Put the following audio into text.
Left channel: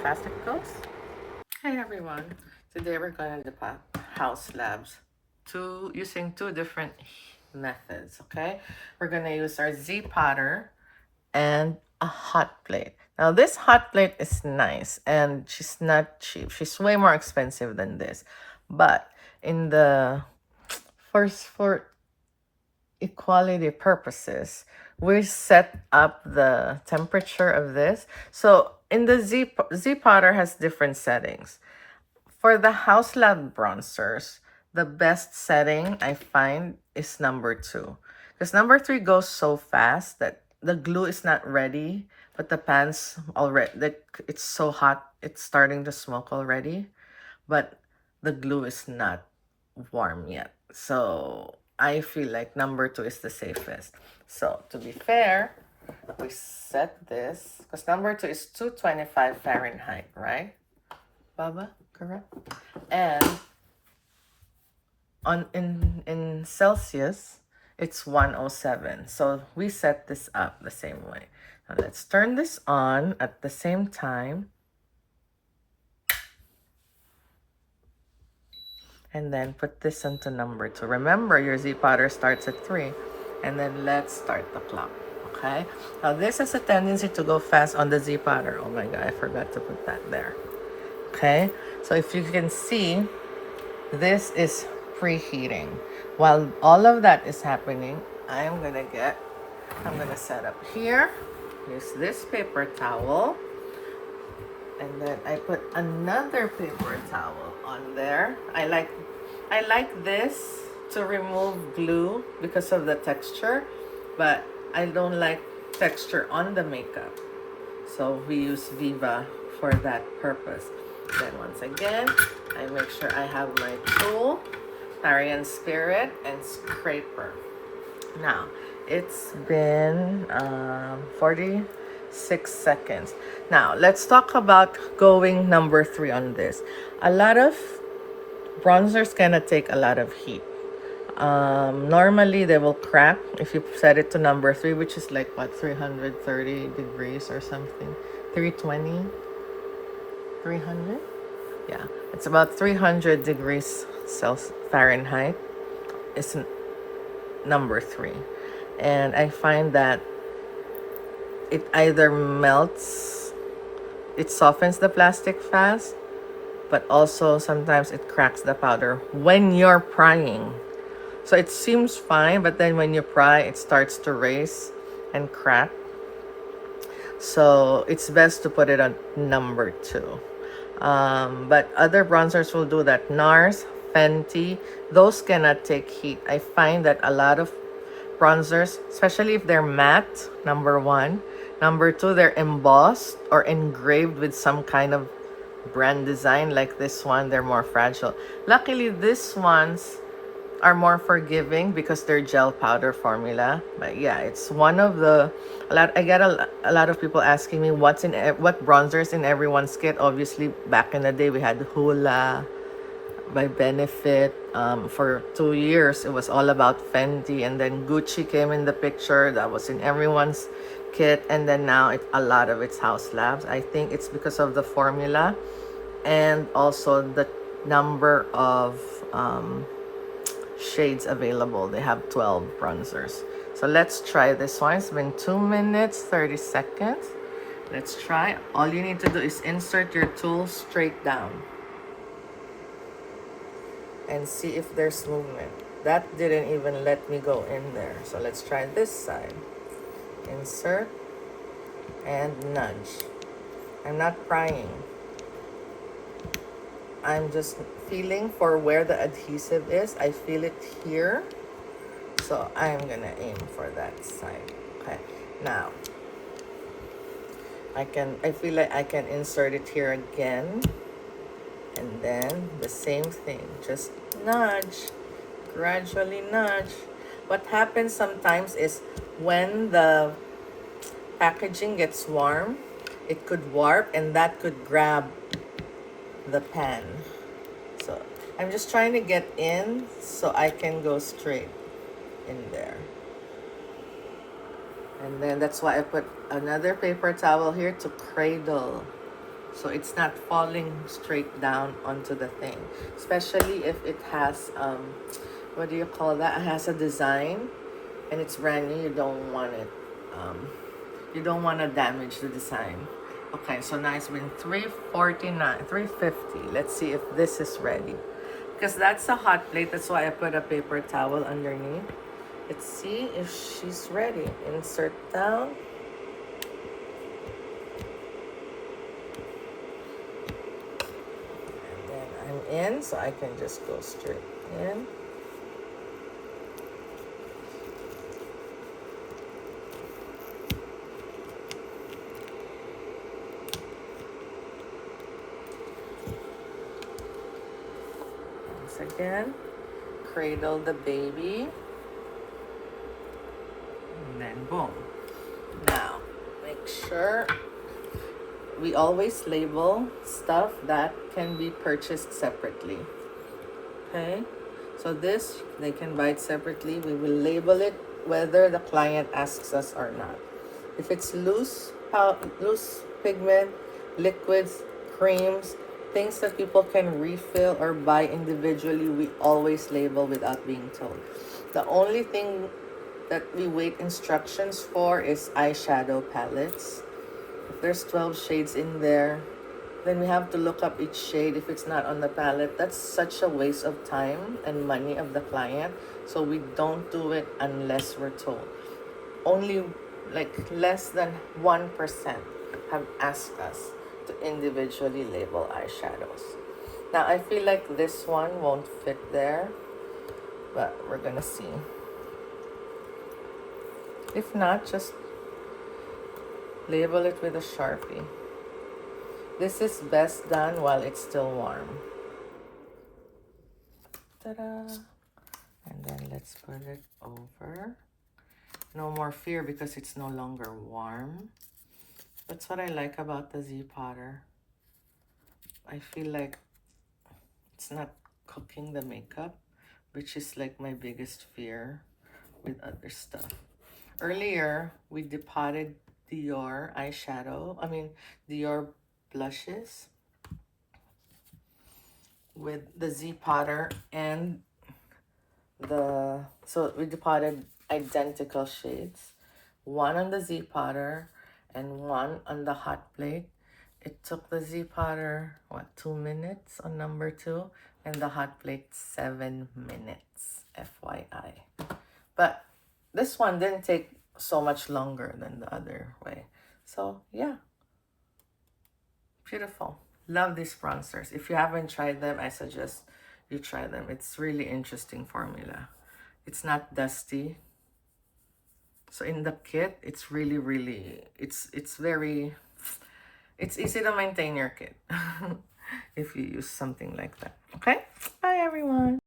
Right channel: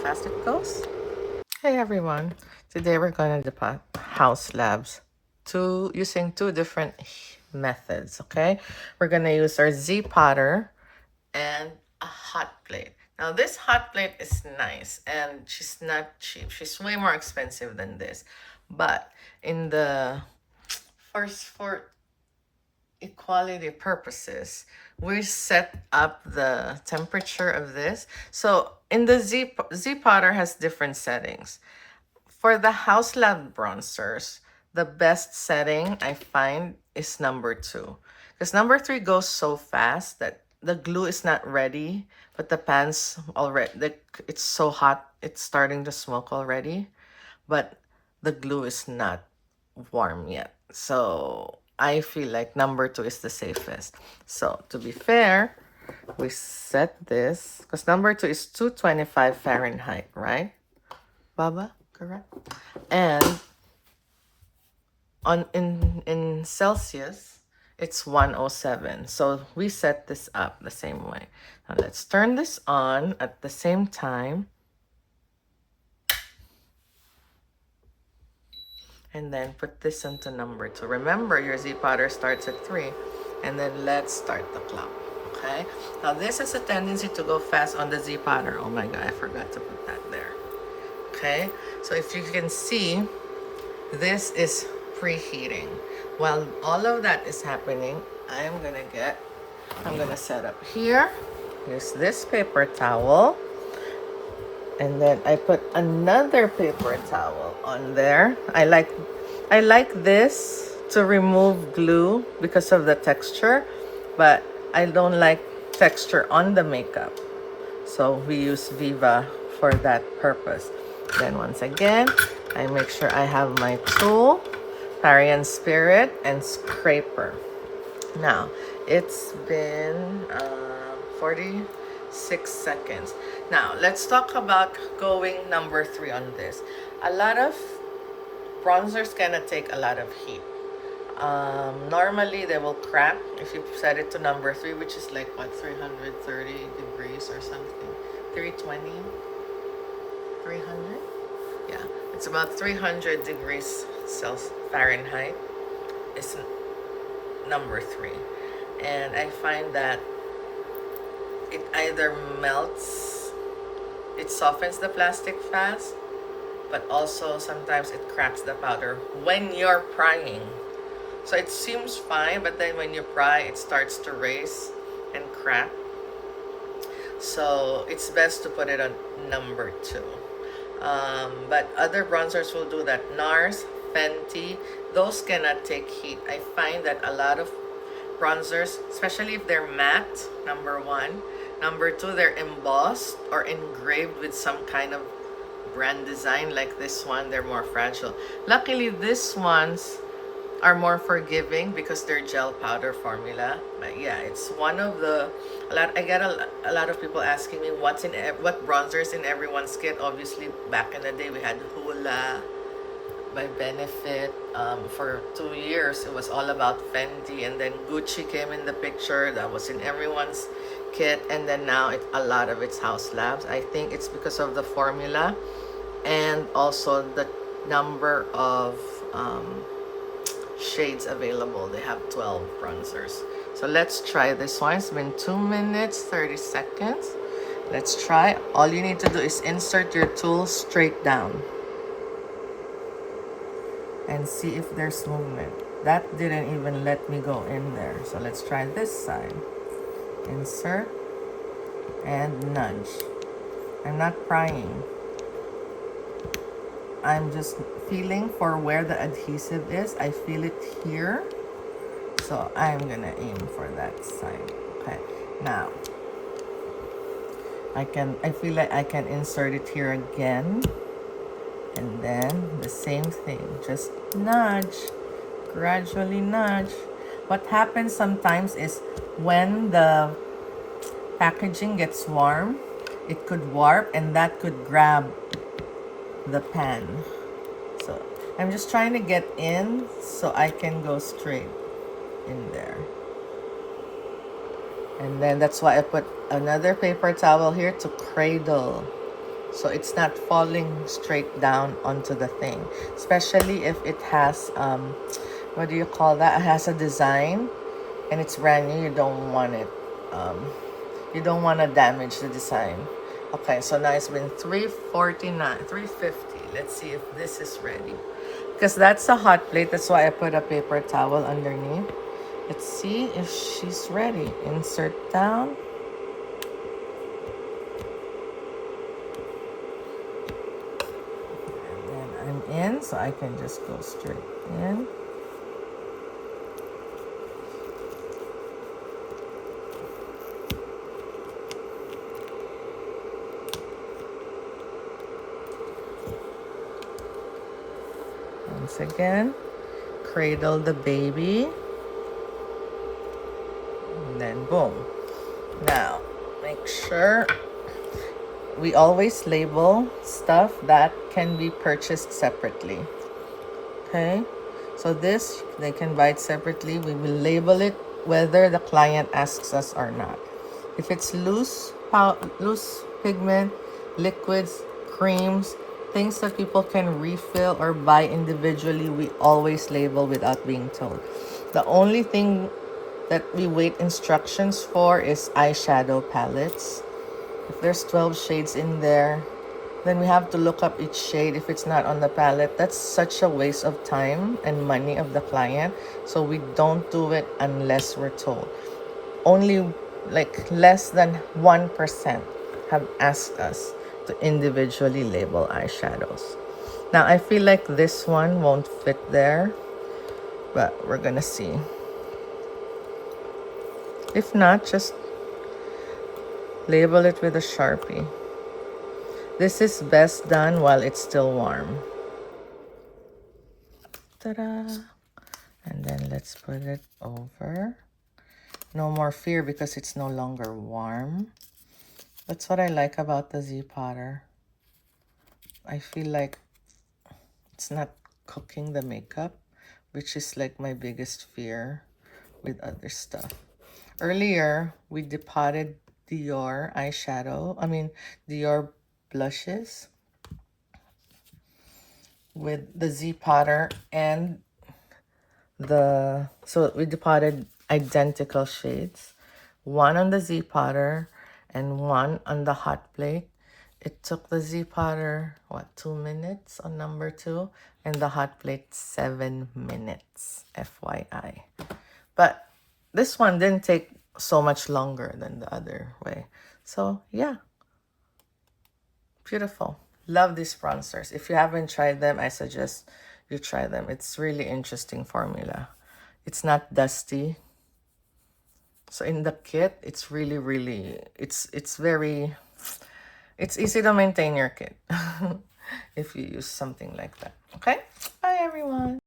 fast it goes. Hey everyone, today we're going to do house labs using two different methods, okay? We're going to use our Z potter and a hot plate. Now this hot plate is nice and she's not cheap. She's way more expensive than this. But in the for equality purposes, we set up the temperature of this. So in the Z potter has different settings. For the House Lab bronzers, the best setting I find is number 2. Because number 3 goes so fast that the glue is not ready, but the pan's already, it's so hot, it's starting to smoke already, but the glue is not warm yet. So I feel like number 2 is the safest. So to be fair, we set this, because number 2 is 225 Fahrenheit, right? Baba, correct? And in Celsius, it's 107. So we set this up the same way. Now let's turn this on at the same time. And then put this into number 2. Remember, your Z potter starts at 3. And then let's start the clock. Okay? Now this has a tendency to go fast on the Z potter. Oh my God, I forgot to put that there. Okay? So if you can see, this is preheating. While all of that is happening, I'm gonna set up here. Use this paper towel. And then I put another paper towel on there. I like this to remove glue because of the texture, but I don't like texture on the makeup. So we use Viva for that purpose. Then once again, I make sure I have my tool, Parian Spirit, and scraper. Now, it's been 46 seconds. Now, let's talk about going number 3 on this. A lot of bronzers gonna take a lot of heat. Normally, they will crack if you set it to number 3, which is like, what, 330 degrees or something. 320, 300? Yeah, it's about 300 degrees Celsius Fahrenheit. It's number 3. And I find that it either melts, it softens the plastic fast, but also sometimes it cracks the powder when you're prying. So it seems fine, but then when you pry, it starts to race and crack. So it's best to put it on number 2. But other bronzers will do that. NARS, Fenty, those cannot take heat. I find that a lot of bronzers, especially if they're matte, number 1. Number 2, they're embossed or engraved with some kind of brand design like this one. They're more fragile. Luckily, these ones are more forgiving because they're gel powder formula. But yeah, it's one of the I get a lot of people asking me what bronzers in everyone's kit. Obviously, back in the day, we had Hoola by Benefit. For 2 years, it was all about Fenty, and then Gucci came in the picture. That was in everyone's kit, and then now a lot of it's House Labs. I think it's because of the formula and also the number of shades available. They have 12 bronzers. So let's try this one. It's been 2 minutes 30 seconds. Let's try. All you need to do is insert your tool straight down and see if there's movement. That didn't even let me go in there. So let's try this side. Insert and nudge. I'm not prying. I'm just feeling for where the adhesive is. I feel it here. So I'm gonna aim for that side. Okay. Now I feel like I can insert it here again. And then the same thing. Just nudge. Gradually nudge. What happens sometimes is when the packaging gets warm, it could warp and that could grab the pan. So I'm just trying to get in so I can go straight in there. And then that's why I put another paper towel here to cradle so it's not falling straight down onto the thing, especially if it has what do you call that, it has a design and it's brand new. You don't want it, you don't want to damage the design. Okay, so now it's been 349, 350. Let's see if this is ready, because that's a hot plate. That's why I put a paper towel underneath. Let's see if she's ready. Insert down. And then I'm in, so I can just go straight in. Once again, cradle the baby. And then boom. Now, make sure we always label stuff that can be purchased separately. Okay, so this, they can buy it separately. We will label it whether the client asks us or not. If it's loose pigment, liquids, creams, things that people can refill or buy individually, we always label without being told. The only thing that we wait instructions for is eyeshadow palettes. If there's 12 shades in there, then we have to look up each shade. If it's not on the palette, that's such a waste of time and money of the client. So we don't do it unless we're told. Only like less than 1% have asked us to individually label eyeshadows. Now I feel like this one won't fit there, but we're gonna see. If not, just label it with a Sharpie. This is best done while it's still warm. Ta-da! And then let's put it over. No more fear because it's no longer warm. That's what I like about the Z Potter. I feel like it's not cooking the makeup, which is like my biggest fear with other stuff. Earlier, we depotted Dior eyeshadow, Dior blushes with the Z Potter and so we depotted identical shades, one on the Z Potter and one on the hot plate. It took the Z Potter, 2 minutes on number 2, and the hot plate 7 minutes, FYI. But this one didn't take so much longer than the other way. So yeah, beautiful. Love these bronzers. If you haven't tried them, I suggest you try them. It's really interesting formula. It's not dusty. So in the kit, it's really, it's easy to maintain your kit if you use something like that. Okay, bye everyone.